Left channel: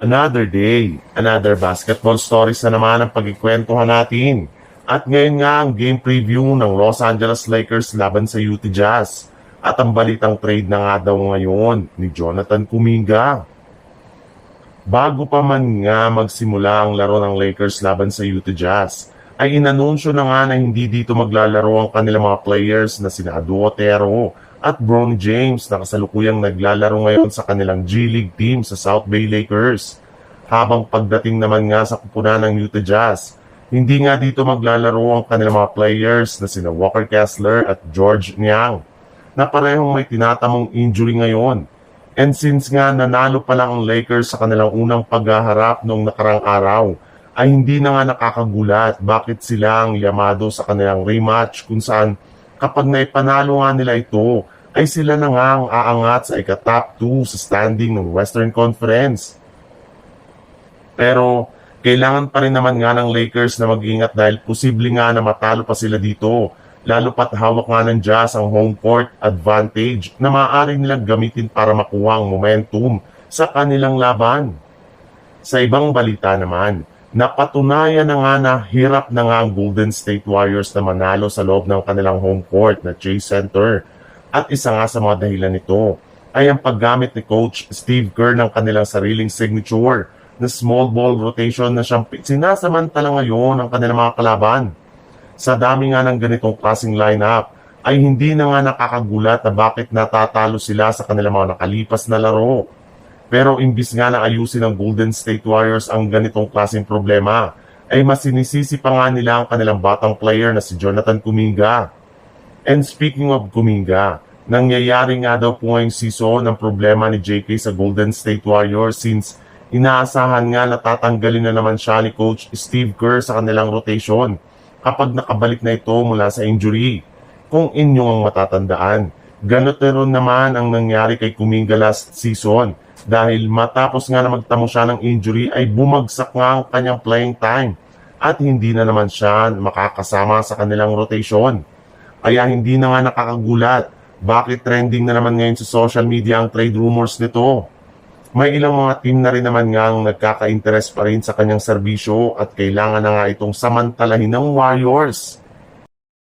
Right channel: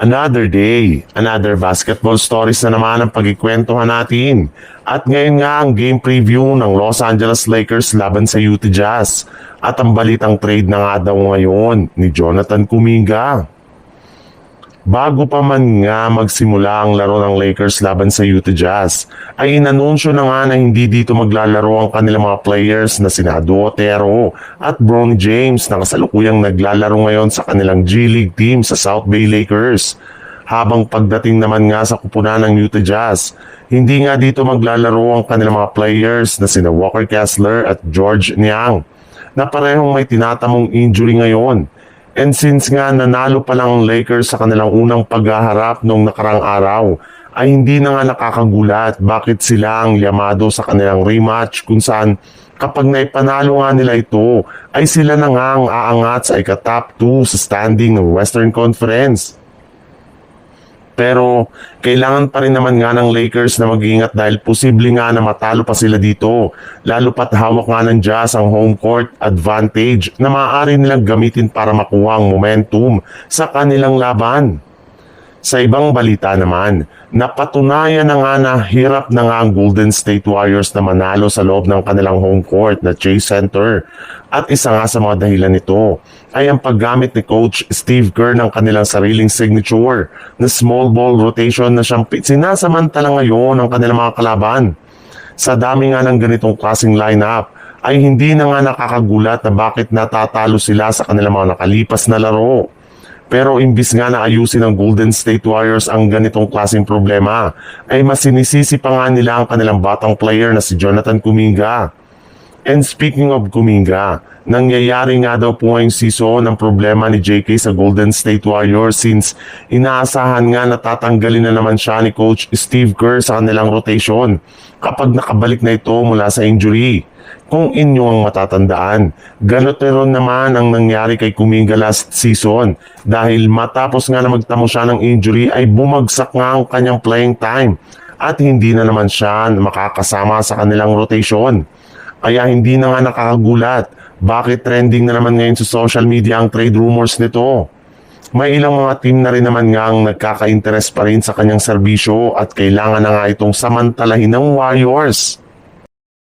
Another day, another basketball stories na naman ang pagkikwentuhan natin. At ngayon nga ang game preview ng Los Angeles Lakers laban sa Utah Jazz. At ang balitang trade na nga daw ngayon ni Jonathan Kuminga. Bago pa man nga magsimula ang laro ng Lakers laban sa Utah Jazz, ay inanunsyo na nga na hindi dito maglalaro ang kanilang mga players na sina Ado Otero at Bronny James na kasalukuyang naglalaro ngayon sa kanilang G League team sa South Bay Lakers. Habang pagdating naman nga sa kupunan ng Utah Jazz, hindi nga dito maglalaro ang kanilang mga players na sina Walker Kessler at George Niang na parehong may tinatamong injury ngayon. And since nga nanalo pa lang ang Lakers sa kanilang unang paghaharap noong nakarang araw, ay hindi na nga nakakagulat bakit sila ang yamado sa kanilang rematch kung saan kapag naipanalo nga nila ito, ay sila na nga ang aangat sa ika-top 2 sa standing ng Western Conference. Pero kailangan pa rin naman nga ng Lakers na mag-ingat dahil posible nga na matalo pa sila dito. Lalo pat hawak nga ng Jazz ang home court advantage na maaari nilang gamitin para makuha ang momentum sa kanilang laban. Sa ibang balita naman, napatunayan na nga na hirap na nga ang Golden State Warriors na manalo sa loob ng kanilang home court na Chase Center. At isa nga sa mga dahilan nito ay ang paggamit ni Coach Steve Kerr ng kanilang sariling signature na small ball rotation na siyang sinasamantala ngayon ng kanilang mga kalaban. Sa dami nga ng ganitong klaseng lineup, ay hindi na nga nakakagulat na bakit natatalo sila sa kanilang mga nakalipas na laro. Pero imbis nga na ayusin ng Golden State Warriors ang ganitong klaseng problema, ay mas sinisisi pa nga nila ang kanilang batang player na si Jonathan Kuminga. And speaking of Kuminga, nangyayari nga daw po ngayong season ang problema ni JK sa Golden State Warriors since inaasahan nga na tatanggalin na naman siya ni Coach Steve Kerr sa kanilang rotation kapag nakabalik na ito mula sa injury. Kung inyo ang matatandaan, ganito rin naman ang nangyari kay Kuminga last season dahil matapos nga na magtamo siya ng injury ay bumagsak nga ang kanyang playing time at hindi na naman siya makakasama sa kanilang rotation. Kaya hindi na nga nakakagulat bakit trending na naman ngayon sa social media ang trade rumors nito. May ilang mga team na rin naman nga ang nagkaka-interest pa rin sa kanyang serbisyo at kailangan na nga itong samantalahin ng Warriors.